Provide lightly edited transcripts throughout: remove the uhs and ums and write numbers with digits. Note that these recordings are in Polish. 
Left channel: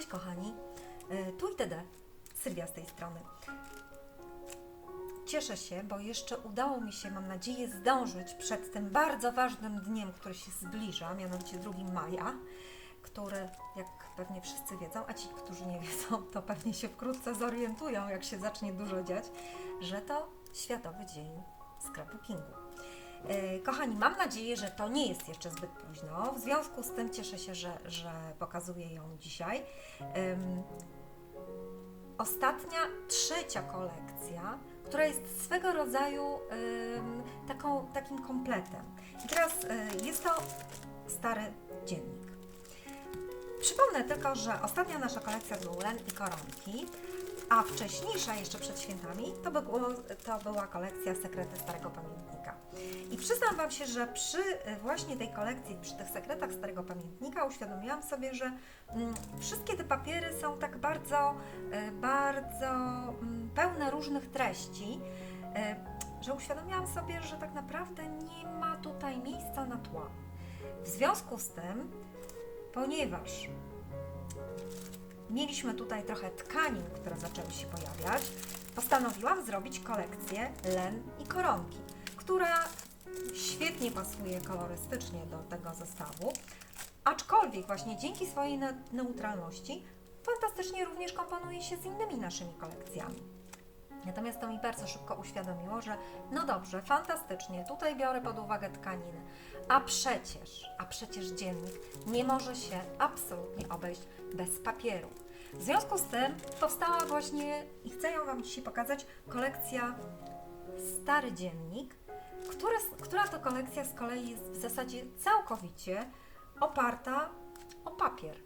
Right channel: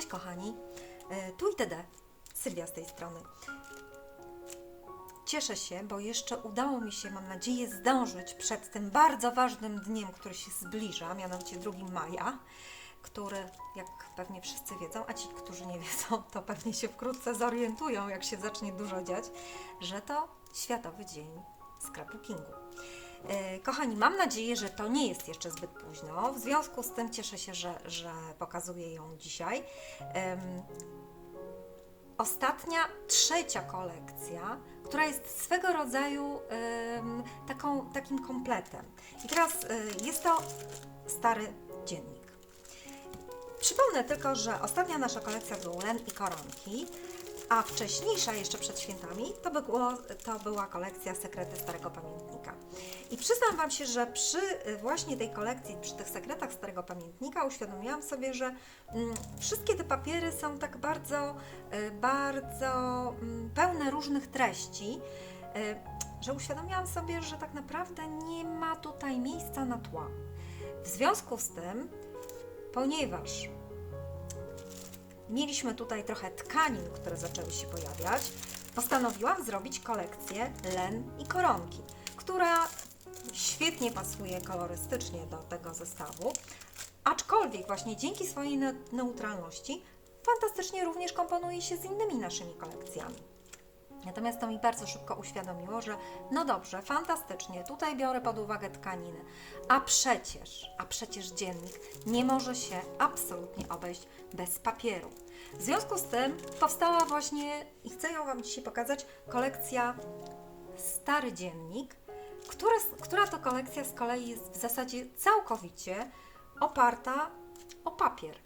Cześć kochani, tu i TD, Sylwia z tej strony. Cieszę się, bo jeszcze udało mi się, mam nadzieję, zdążyć przed tym bardzo ważnym dniem, który się zbliża, mianowicie 2 maja, który, jak pewnie wszyscy wiedzą, a ci, którzy nie wiedzą, to pewnie się wkrótce zorientują, jak się zacznie dużo dziać, że to Światowy Dzień Scrapbookingu. Kochani, mam nadzieję, że to nie jest jeszcze zbyt późno. W związku z tym cieszę się, że pokazuję ją dzisiaj. Ostatnia, trzecia kolekcja, która jest swego rodzaju takim kompletem. I teraz jest to stary dziennik. Przypomnę tylko, że ostatnia nasza kolekcja to len i koronki, a wcześniejsza, jeszcze przed świętami, to była kolekcja Sekrety Starego Pamiętnika. I przyznam Wam się, że przy właśnie tej kolekcji, przy tych sekretach Starego Pamiętnika uświadomiłam sobie, że wszystkie te papiery są tak bardzo pełne różnych treści, że uświadomiłam sobie, że tak naprawdę nie ma tutaj miejsca na tła. W związku z tym, ponieważ mieliśmy tutaj trochę tkanin, które zaczęły się pojawiać, postanowiłam zrobić kolekcję len i koronki, która świetnie pasuje kolorystycznie do tego zestawu, aczkolwiek właśnie dzięki swojej neutralności fantastycznie również komponuje się z innymi naszymi kolekcjami. Natomiast to mi bardzo szybko uświadomiło, że no dobrze, fantastycznie, tutaj biorę pod uwagę tkaniny, a przecież dziennik nie może się absolutnie obejść bez papieru. W związku z tym powstała właśnie, i chcę ją Wam dzisiaj pokazać, kolekcja Stary Dziennik, która to kolekcja z kolei jest w zasadzie całkowicie oparta o papier.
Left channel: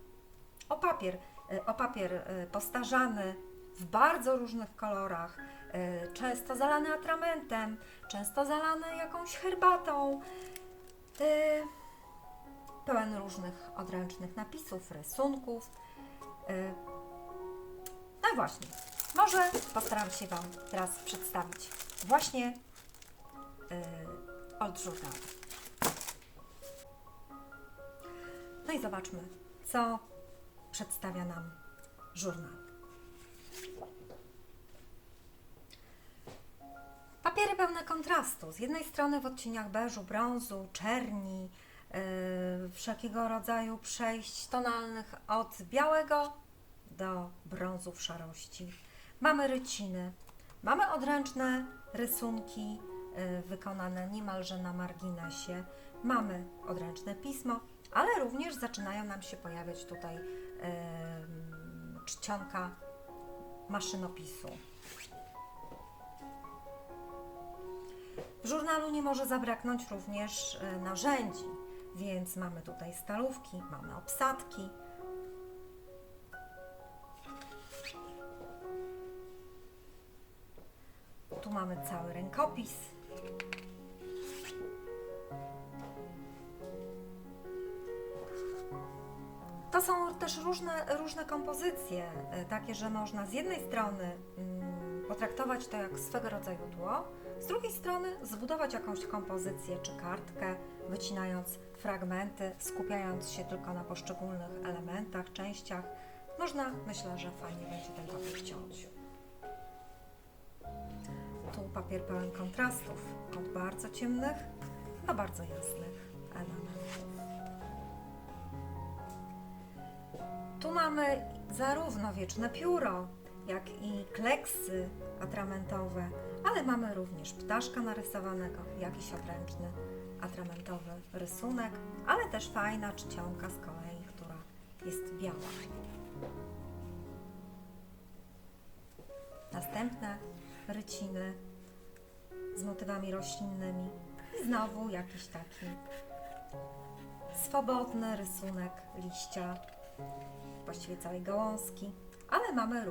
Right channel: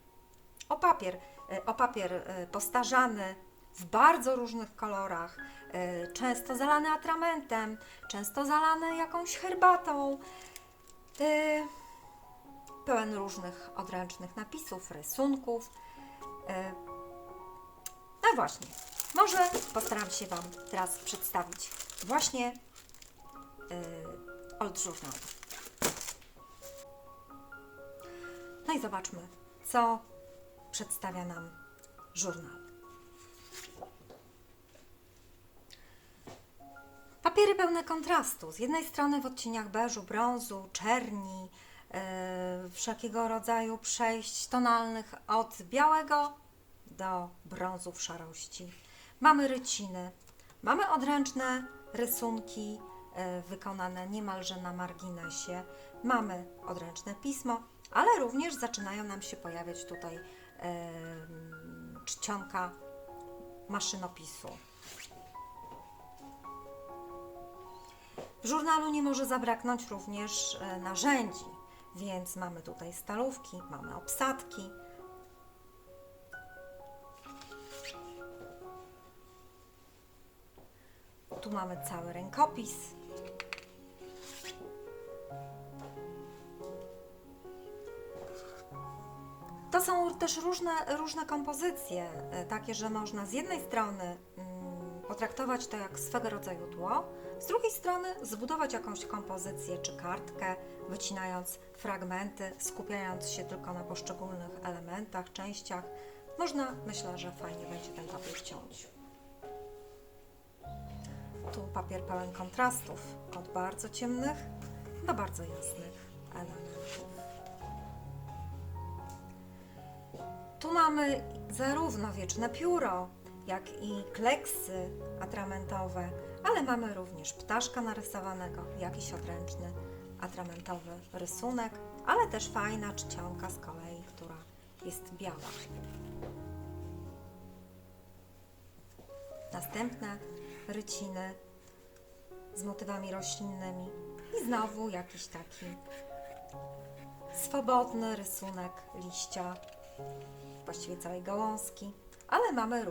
O papier postarzany w bardzo różnych kolorach, często zalany atramentem, często zalany jakąś herbatą, pełen różnych odręcznych napisów, rysunków. No właśnie, może postaram się Wam teraz przedstawić właśnie od żurnalu. No i zobaczmy, co przedstawia nam żurnal. Papiery pełne kontrastu. Z jednej strony w odcieniach beżu, brązu, czerni, wszelkiego rodzaju przejść tonalnych od białego do brązu w szarości. Mamy ryciny, mamy odręczne rysunki wykonane niemalże na marginesie, mamy odręczne pismo, ale również zaczynają nam się pojawiać tutaj czcionka maszynopisu. W żurnalu nie może zabraknąć również narzędzi, więc mamy tutaj stalówki, mamy obsadki. Tu mamy cały rękopis. To są też różne kompozycje, takie, że można z jednej strony potraktować to jak swego rodzaju tło, z drugiej strony zbudować jakąś kompozycję czy kartkę, wycinając fragmenty, skupiając się tylko na poszczególnych elementach, częściach. Można, myślę, że fajnie będzie ten papier ciąć. Tu papier pełen kontrastów, od bardzo ciemnych do bardzo jasnych elementów. Tu mamy zarówno wieczne pióro, jak i kleksy atramentowe, ale mamy również ptaszka narysowanego, jakiś odręczny atramentowy rysunek, ale też fajna czcionka z kolei, która jest biała. Następne ryciny z motywami roślinnymi i znowu jakiś taki swobodny rysunek liścia, właściwie całej gałązki, ale mamy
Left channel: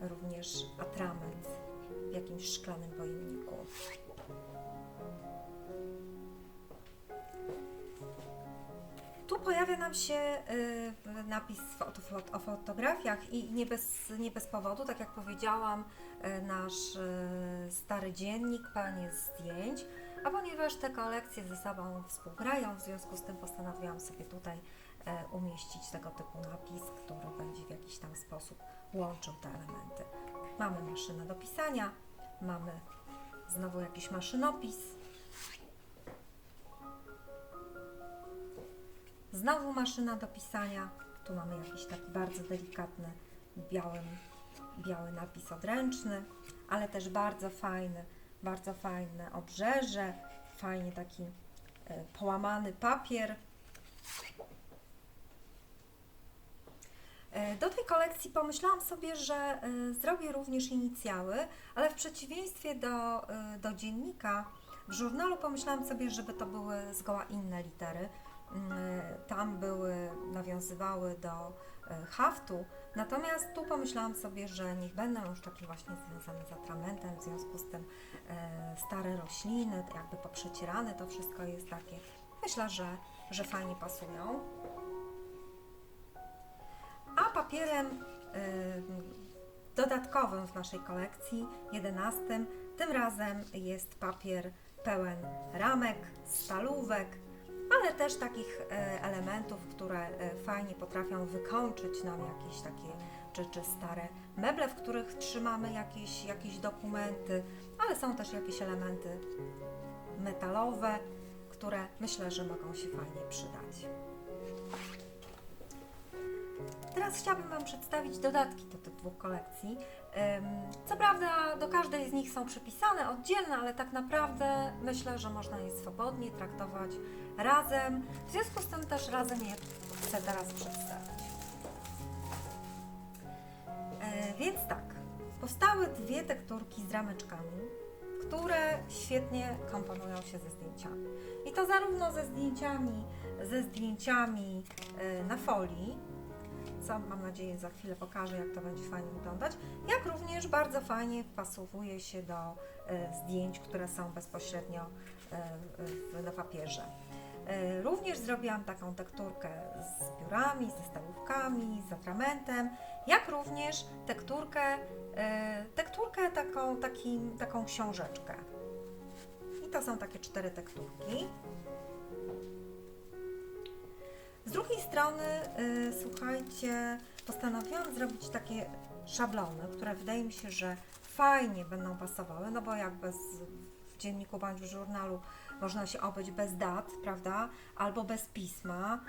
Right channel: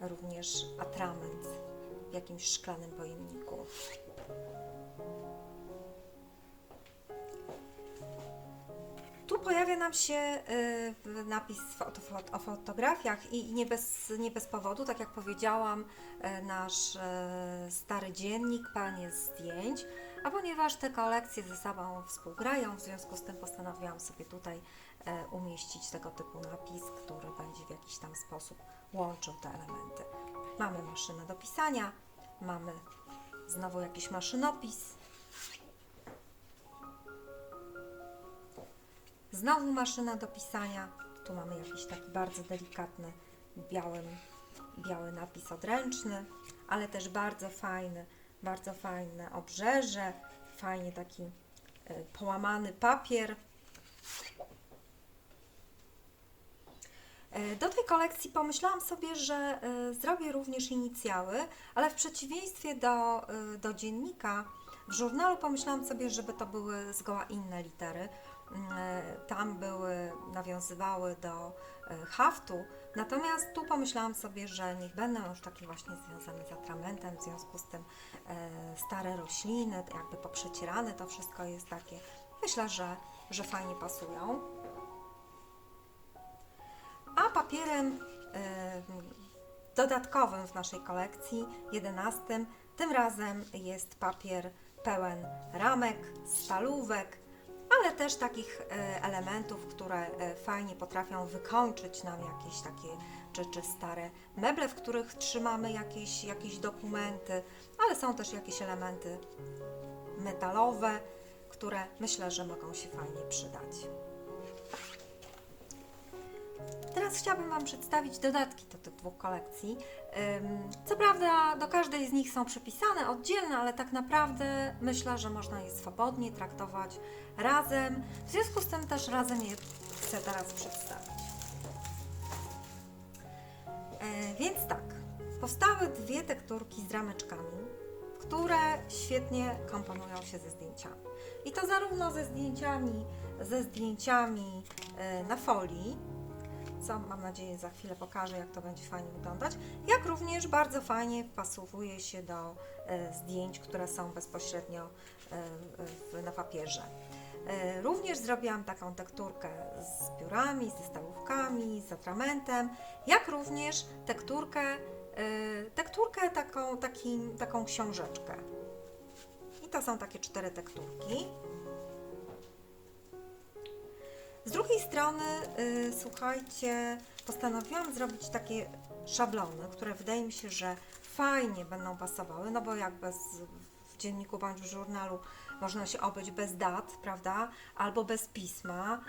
również atrament w jakimś szklanym pojemniku. Tu pojawia nam się napis o fotografiach i nie bez powodu, tak jak powiedziałam, nasz stary dziennik pełen jest zdjęć, A ponieważ te kolekcje ze sobą współgrają, w związku z tym postanowiłam sobie tutaj umieścić tego typu napis, który będzie w jakiś tam sposób łączył te elementy. Mamy maszynę do pisania, mamy znowu jakiś maszynopis, znowu maszyna do pisania, tu mamy jakiś taki bardzo delikatny biały napis odręczny, ale też bardzo fajne obrzeże, fajnie taki połamany papier. Do tej kolekcji pomyślałam sobie, że zrobię również inicjały, ale w przeciwieństwie do dziennika, w żurnalu pomyślałam sobie, żeby to były zgoła inne litery. Tam nawiązywały do haftu, natomiast tu pomyślałam sobie, że niech będą już takie właśnie związane z atramentem, w związku z tym stare rośliny, jakby poprzecierane, to wszystko jest takie, myślę, że fajnie pasują. A papierem dodatkowym w naszej kolekcji, 11, tym razem jest papier pełen ramek, stalówek, ale też takich elementów, które fajnie potrafią wykończyć nam jakieś takie czy stare meble, w których trzymamy jakieś dokumenty, ale są też jakieś elementy metalowe, które myślę, że mogą się fajnie przydać. Teraz chciałabym Wam przedstawić dodatki do tych dwóch kolekcji. Co prawda do każdej z nich są przypisane oddzielne, ale tak naprawdę myślę, że można je swobodnie traktować razem. W związku z tym też razem je chcę teraz przedstawić. Więc tak, powstały dwie tekturki z rameczkami, które świetnie komponują się ze zdjęciami. I to zarówno ze zdjęciami na folii, co mam nadzieję za chwilę pokażę, jak to będzie fajnie wyglądać, jak również bardzo fajnie wpasowuje się do zdjęć, które są bezpośrednio na papierze. Również zrobiłam taką tekturkę z piórami, ze stalówkami, z atramentem, jak również taką książeczkę. I to są takie 4 tekturki. Z drugiej strony, słuchajcie, postanowiłam zrobić takie szablony, które wydaje mi się, że fajnie będą pasowały, no bo jak w dzienniku bądź w żurnalu można się obejść bez dat, prawda, albo bez pisma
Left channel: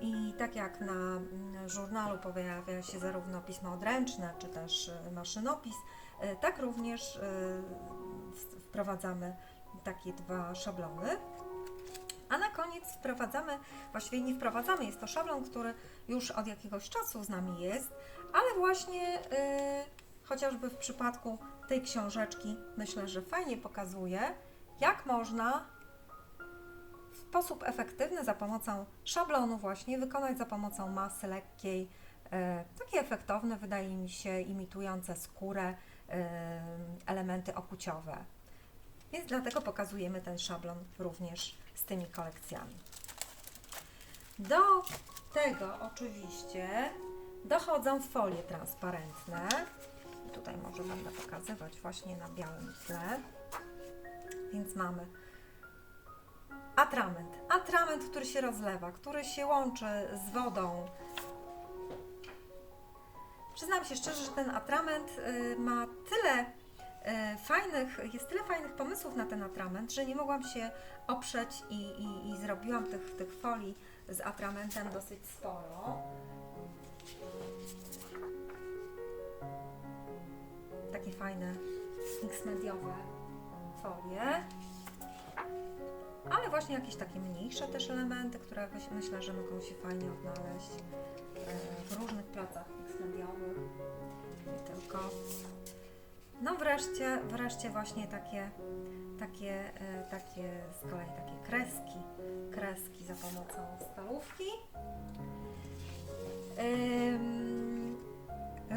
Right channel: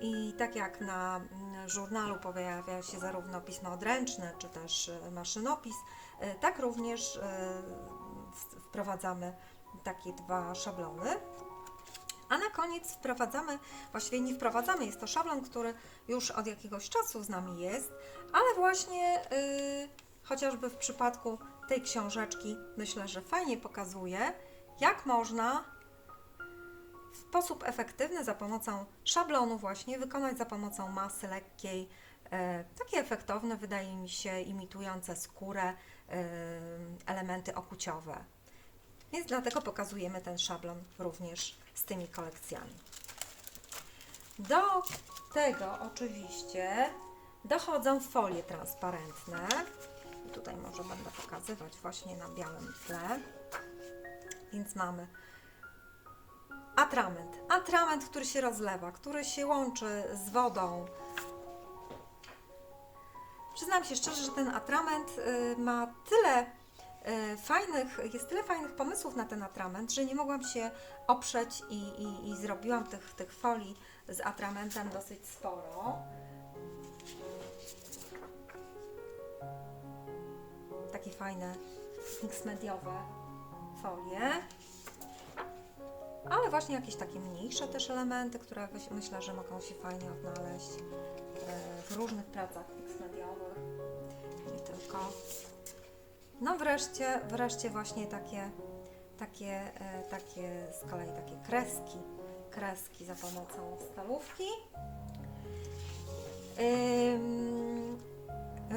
i tak jak na żurnalu pojawia się zarówno pismo odręczne, czy też maszynopis, tak również wprowadzamy takie 2 szablony. A na koniec właściwie nie wprowadzamy, jest to szablon, który już od jakiegoś czasu z nami jest, ale właśnie chociażby w przypadku tej książeczki myślę, że fajnie pokazuje, jak można w sposób efektywny za pomocą szablonu właśnie wykonać za pomocą masy lekkiej, takie efektowne, wydaje mi się, imitujące skórę elementy okuciowe. Więc dlatego pokazujemy ten szablon również z tymi kolekcjami. Do tego oczywiście dochodzą folie transparentne. Tutaj może będę pokazywać właśnie na białym tle. Więc mamy atrament, który się rozlewa, który się łączy z wodą. Przyznam się szczerze, że ten atrament ma jest tyle fajnych pomysłów na ten atrament, że nie mogłam się oprzeć i zrobiłam tych folii z atramentem dosyć sporo. Takie fajne mix-mediowe folie. Ale właśnie jakieś takie mniejsze też elementy, które myślę, że mogą się fajnie odnaleźć w różnych pracach mix-mediowych. Nie tylko. No wreszcie właśnie takie z kolei takie kreski za pomocą stalówki.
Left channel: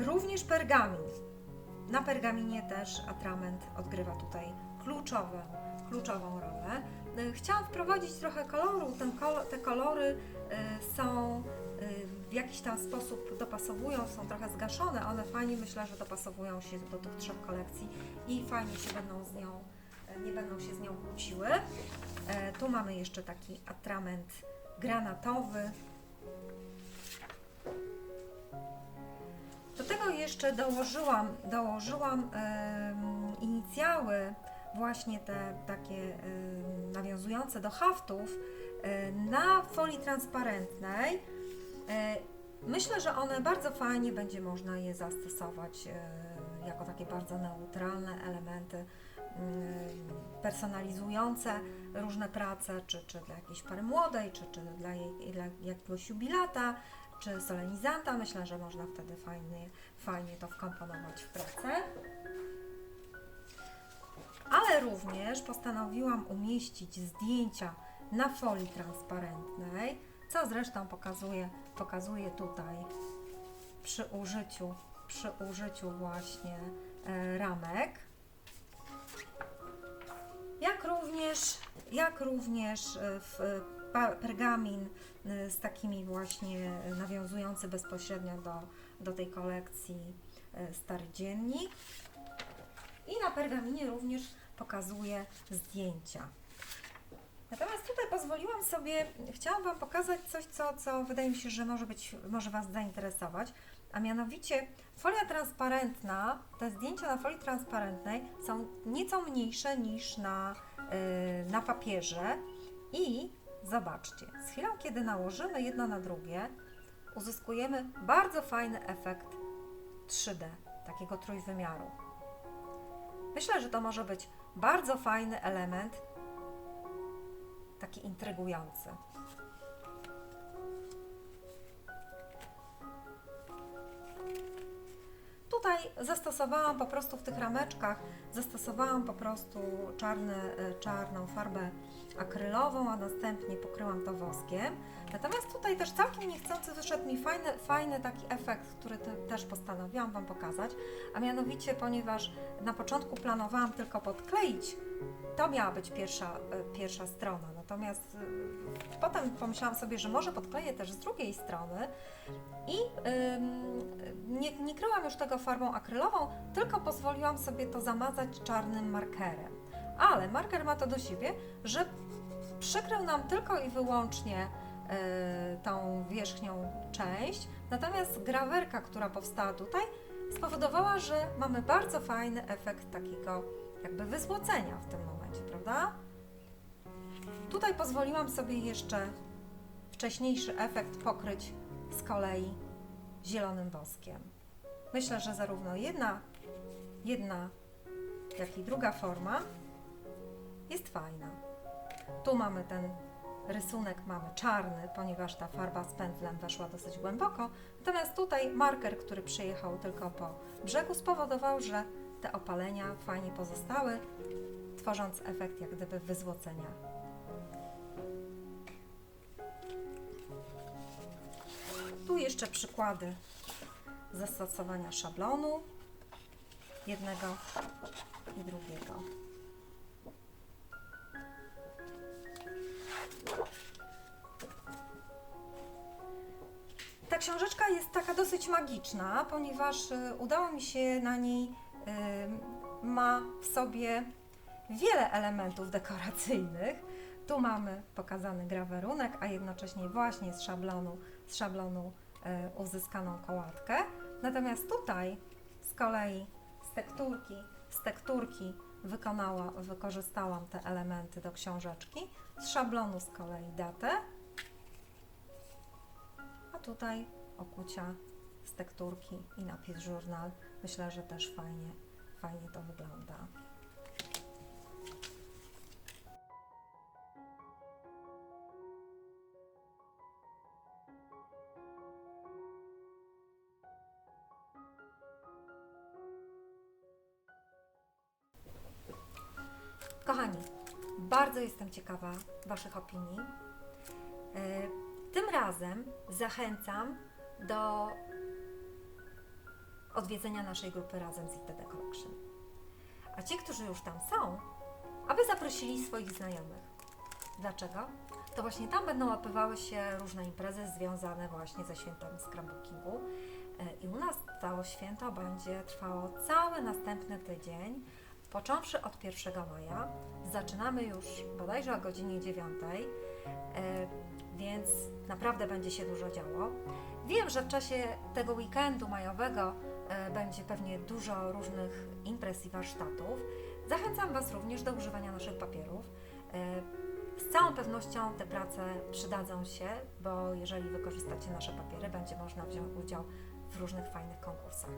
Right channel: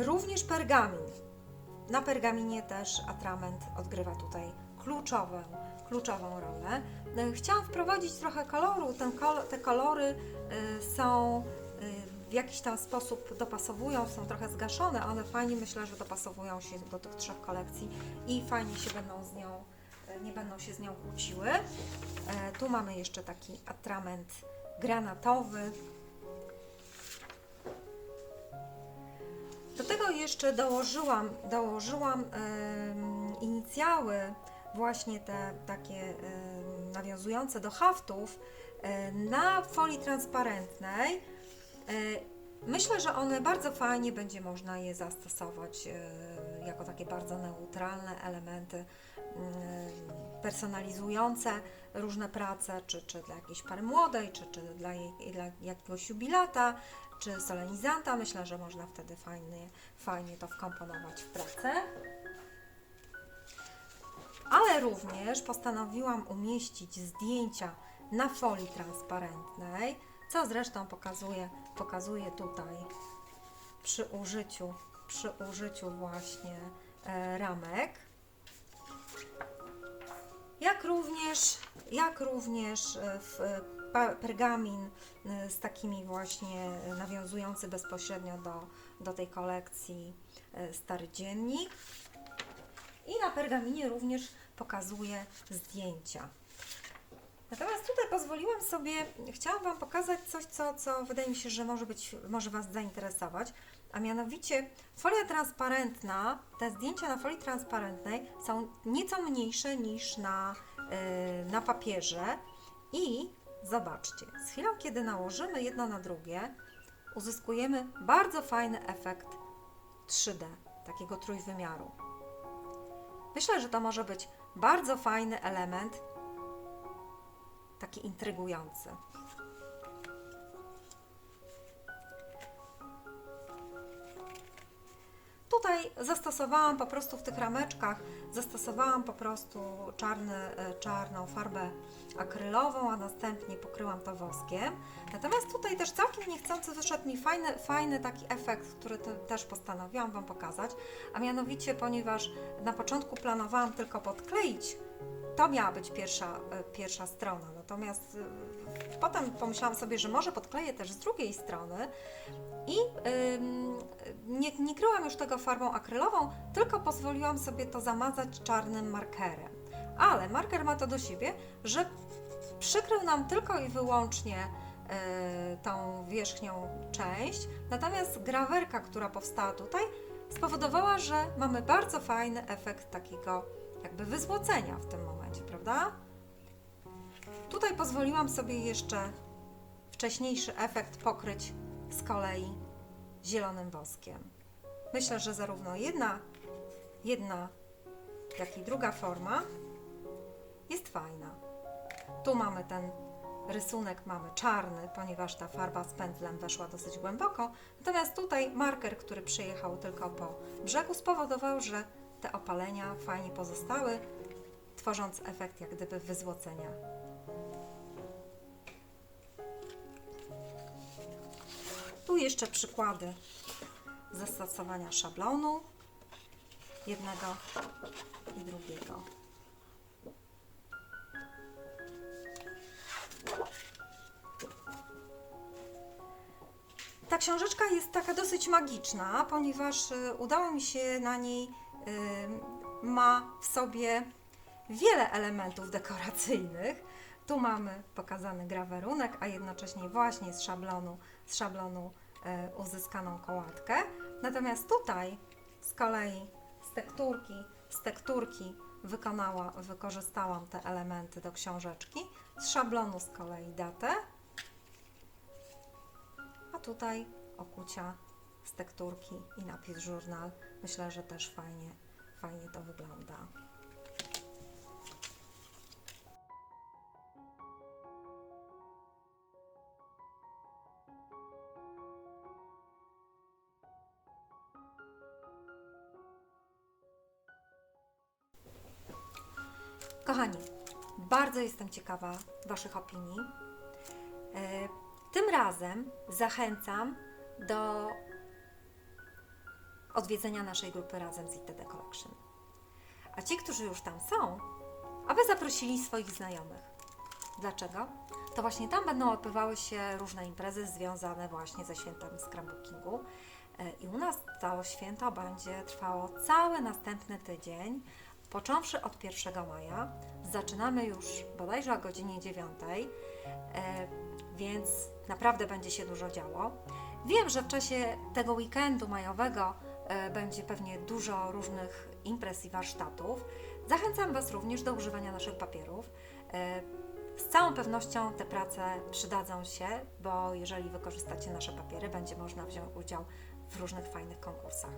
Również pergamin. Na pergaminie też atrament odgrywa tutaj kluczową rolę. Chciałam wprowadzić trochę koloru. Te kolory są w jakiś tam sposób dopasowują, są trochę zgaszone, ale fajnie myślę, że dopasowują się do tych 3 kolekcji i fajnie się będą z nią nie będą się z nią kłóciły. Tu mamy jeszcze taki atrament granatowy. Do tego jeszcze dołożyłam inicjały, właśnie te takie nawiązujące do haftów, na folii transparentnej. Myślę, że one bardzo fajnie będzie można je zastosować jako takie bardzo neutralne elementy personalizujące różne prace, czy dla jakiejś pary młodej, czy dla jakiegoś jubilata, czy solenizanta. Myślę, że można wtedy fajnie to wkomponować w pracę. Ale również postanowiłam umieścić zdjęcia na folii transparentnej, co zresztą pokazuję tutaj przy użyciu właśnie ramek. Jak również pergamin z takimi właśnie nawiązujący bezpośrednio do tej kolekcji Stary Dziennik. I na pergaminie również pokazuję zdjęcia. Natomiast tutaj pozwoliłam sobie, chciałam Wam pokazać coś, co wydaje mi się, że może Was zainteresować, a mianowicie folia transparentna, te zdjęcia na folii transparentnej są nieco mniejsze niż na papierze i zobaczcie, z chwilą, kiedy nałożymy jedno na drugie, uzyskujemy bardzo fajny efekt 3D, takiego trójwymiaru. Myślę, że to może być bardzo fajny element, taki intrygujący. Tutaj zastosowałam po prostu w tych rameczkach, czarną farbę akrylową, a następnie pokryłam to woskiem. Natomiast tutaj też całkiem niechcący wyszedł mi fajny taki efekt, który też postanowiłam Wam pokazać, a mianowicie, ponieważ na początku planowałam tylko podkleić, to miała być pierwsza strona, natomiast potem pomyślałam sobie, że może podkleję też z drugiej strony i nie kryłam już tego farbą akrylową, tylko pozwoliłam sobie to zamazać czarnym markerem. Ale marker ma to do siebie, że przykrył nam tylko i wyłącznie tą wierzchnią część, natomiast grawerka, która powstała tutaj, spowodowała, że mamy bardzo fajny efekt takiego jakby wyzłocenia w tym momencie, prawda? Tutaj pozwoliłam sobie jeszcze wcześniejszy efekt pokryć z kolei zielonym woskiem. Myślę, że zarówno jedna jak i druga forma jest fajna. Tu mamy ten rysunek, mamy czarny, ponieważ ta farba z pędzlem weszła dosyć głęboko, natomiast tutaj marker, który przyjechał tylko po brzegu, spowodował, że te opalenia fajnie pozostały, tworząc efekt jak gdyby wyzłocenia. Tu jeszcze przykłady zastosowania szablonu jednego i drugiego. Ta książeczka jest taka dosyć magiczna, ponieważ udało mi się na niej, ma w sobie wiele elementów dekoracyjnych. Tu mamy pokazany grawerunek, a jednocześnie właśnie z szablonu uzyskaną kołatkę. Natomiast tutaj z kolei z tekturki wykorzystałam te elementy do książeczki, z szablonu z kolei datę, a tutaj okucia z tekturki i napis żurnal. Myślę, że też fajnie to wygląda. Kochani, bardzo jestem ciekawa Waszych opinii. Tym razem zachęcam do odwiedzenia naszej grupy Razem z ITD Collection. A ci, którzy już tam są, aby zaprosili swoich znajomych. Dlaczego? To właśnie tam będą odbywały się różne imprezy związane właśnie ze świętami scrapbookingu. I u nas całe święto będzie trwało cały następny tydzień począwszy od 1 maja. Zaczynamy już bodajże o godzinie 9, więc naprawdę będzie się dużo działo. Wiem, że w czasie tego weekendu majowego będzie pewnie dużo różnych imprez i warsztatów. Zachęcam Was również do używania naszych papierów. Z całą pewnością te prace przydadzą się, bo jeżeli wykorzystacie nasze papiery, będzie można wziąć udział w różnych fajnych konkursach.